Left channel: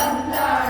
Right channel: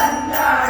Allah.